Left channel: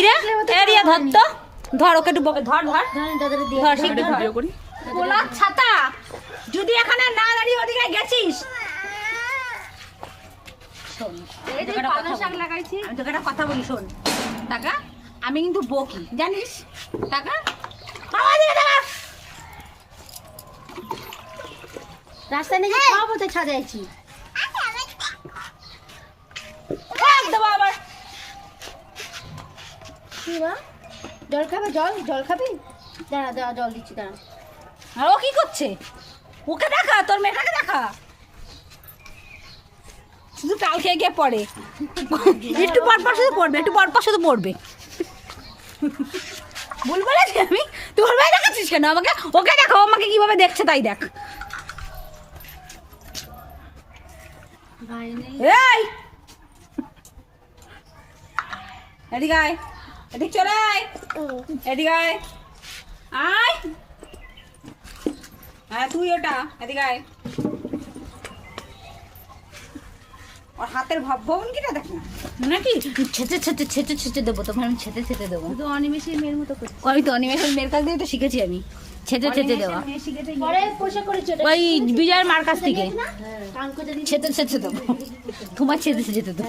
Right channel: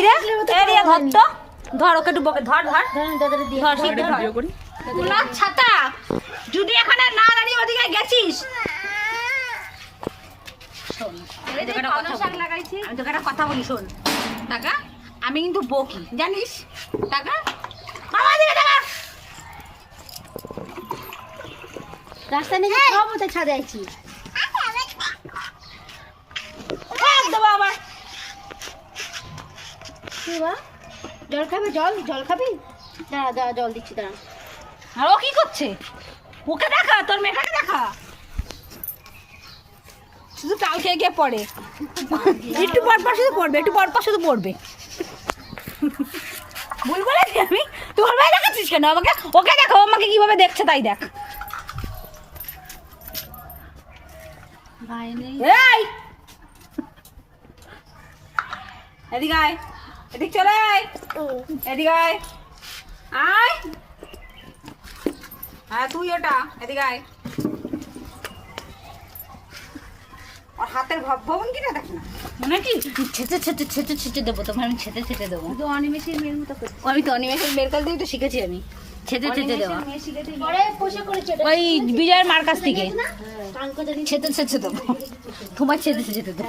কিরে এরিয়া ধর তো, ধর ওকে একটু বকে ধর ধর ধর গোলাপ ছাতা যদি এখানে না দাঁড়িয়ে ওদিকে গেছিস। আমি তোকে একটা কথা বলি শোন টাকা, আমি কিন্তু বকি জানিস টাকা। বাবা দিকে টাকা রাস্তায় নেই সব তো ছাদে আছি। আবার জল খাবে, জল খাবি? দাঁড়া দাঁড়া জল দিচ্ছি দাঁড়া। আর ও কি করছে? ওকে দেখা, তোর মেয়েটাকে দেখা, শুধু কাল খেয়ে গিয়ে পড়ে, একটু পরপর শুধু পড়বে, একটু পরপর শুধু পড়বে। ভুল বলেছি আমি? তোর ভাই দেখাচ্ছিস কেন আমাকে? ওকে দেখো আমাকে কিভাবে দেখছে তাই দেখ। এই এদিকে আয়, এদিক চলে আয়, এদিকে আয়, আয় আয় তুই ওটা এদিকে আয়। ওর হাতের ভবন কিনা দেখ না নাকি ছেঁচে ছেঁচে ছেঁচে ছেঁচে দেবো তোমার, আমি ছেঁচে ছেঁচে দেবো। তো অনিমেষের মেয়ের মতো আমি তো অনিমেষের মেয়ের কাছ দিয়ে তো শিখেছি আমি ছেঁচে ছেঁচে দেবো, ওই বিজয়ের মার কাছ থেকে ছেঁচে ছেঁচে দেবো, তোমার ছেঁচে ছেঁচে দেবো।